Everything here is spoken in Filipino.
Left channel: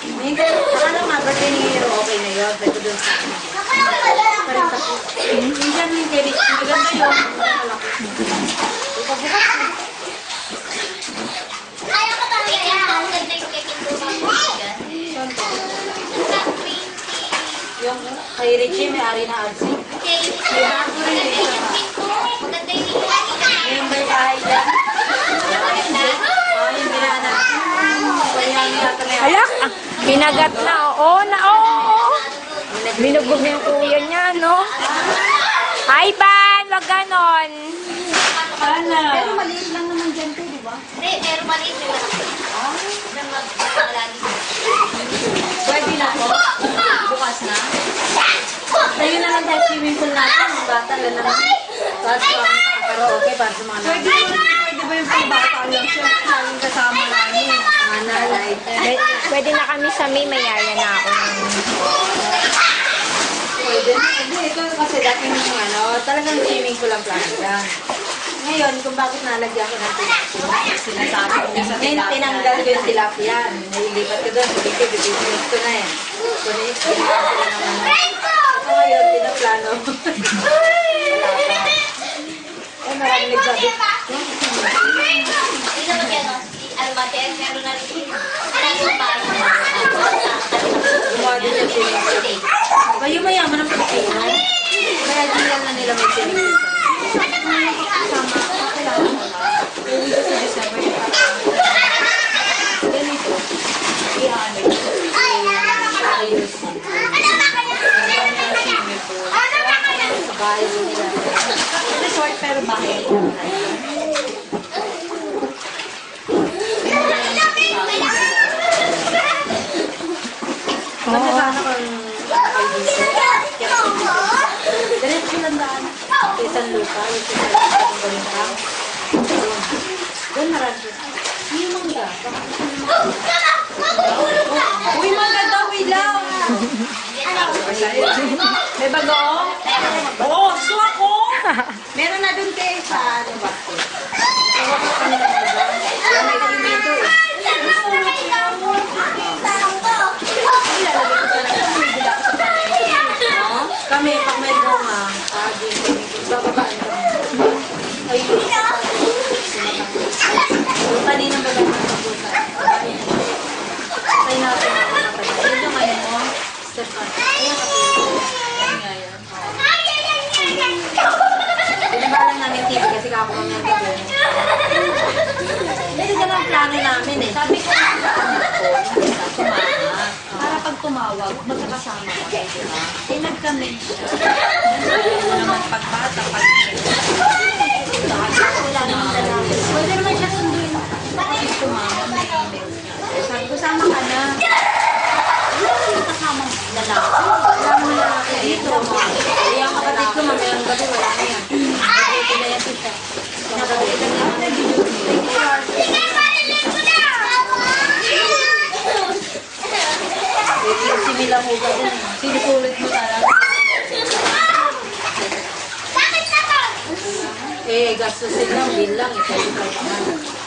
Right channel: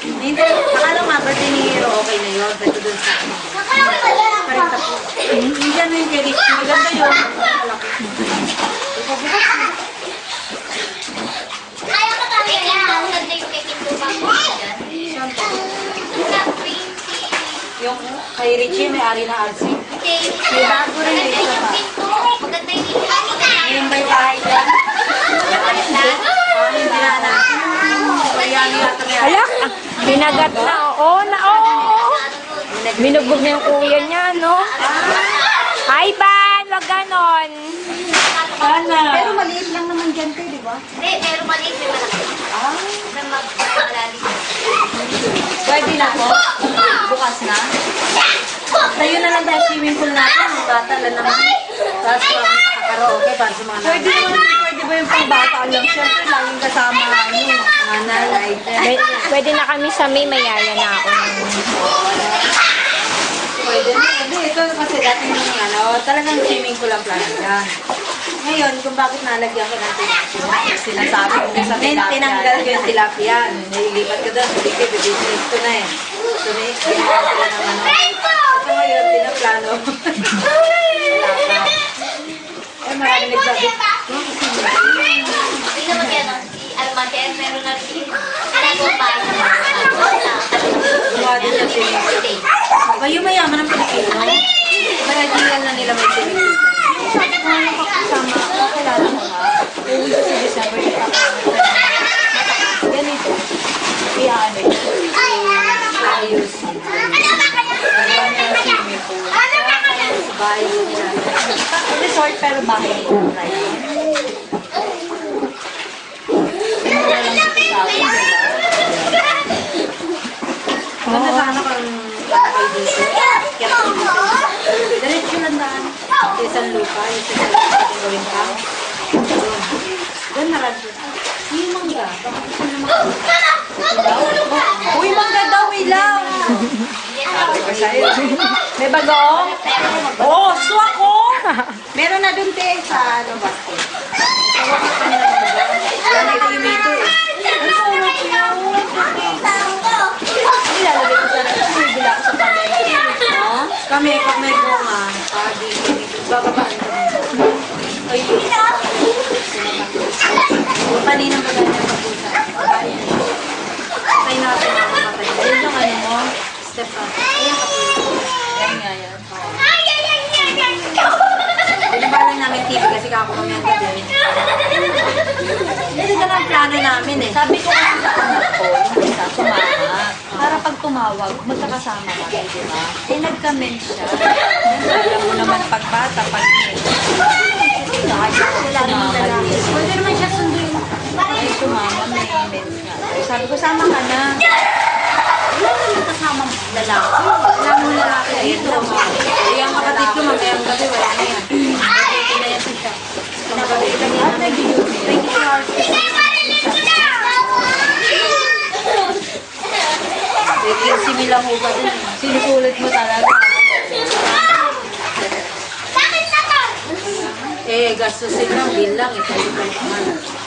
Hindi, paano nga ba dinihiro? Okay na yun. Dito dun sa akin. Hindi na yung kilig. Maganda yun. Ayaw ka talaga yan. Yung kay Richie, may ari na agsi. May bago rin dito pa. Yung may kahit yan. Alak, binagat na. Oo, binugbog na yung kuya niya, no? Hi, Ban! Wag ganon. Pero maliit lang naman dyan kayo, di ba? Hindi, pero maliit na Pwede na po? Bukas na? Kayo na lang dahil swimming pool natin. Mga bata lang naman. Tapos karaoke para sa mga pwede ba yung pang-bata lang siya? Laging kasama nanay. Pwede na kami sa May, mayaya na ako. Pwede na. Ito kasi dati yung talagang swimming pool ang plano lang. Ngayon, kung bakit nalagyan ko ng tilapia, sinasabi ko sa tilapia. Tinanggal ko yung tilapia. Nilipat ko doon. Bibigit ko na eh. So, nilipat ko na naman. So, ngayon, pinaplano. Eh, marami nagsabi. Gumawa din ng swimming pool. Kayo mayaman ng Pilipino. Kaya di lang na nila may swimming pool. Uwi sa December. Ganito. Iyan. Ayos. Bahay nila. Resort pero bahay nila. Isang lupa, doon naradyo. Hindi mangga. Uy, mangga daw, ilaw! May bagong? Oo, suwa ko! Meron na doon kayo sa ano ba? Yan ay kayo dito eh. Kami, pag may bunga, bababaan kami. Ay, kanina ba tayo nagpapusa? Tayo natin ang matay. Ayun naman mo, step up. Ayun nga yan. Binabalin namin TV kasi kako kami ang gabi. Hindi ka lang plano namin eh. Sabi ko kasi sa anak ko, para pag tumawag, magkakasama kami, di ba? Eh, nagka-mens siya. Alam mo naman pagbata, pwede naman siya sunduin. Pwede tumama, may mens ka. Sabi ko, sama ka na. Wala naman kasama lalaki. Wala mo lalaki dito. Kaya ang kapatid ko, mamayang gabi, wala na yan. Ito na yan siya. At nag-24 hours. Sila mo ba din? Sinusulit mo talaga. Eh, gastusin lang, bilang. Ito yung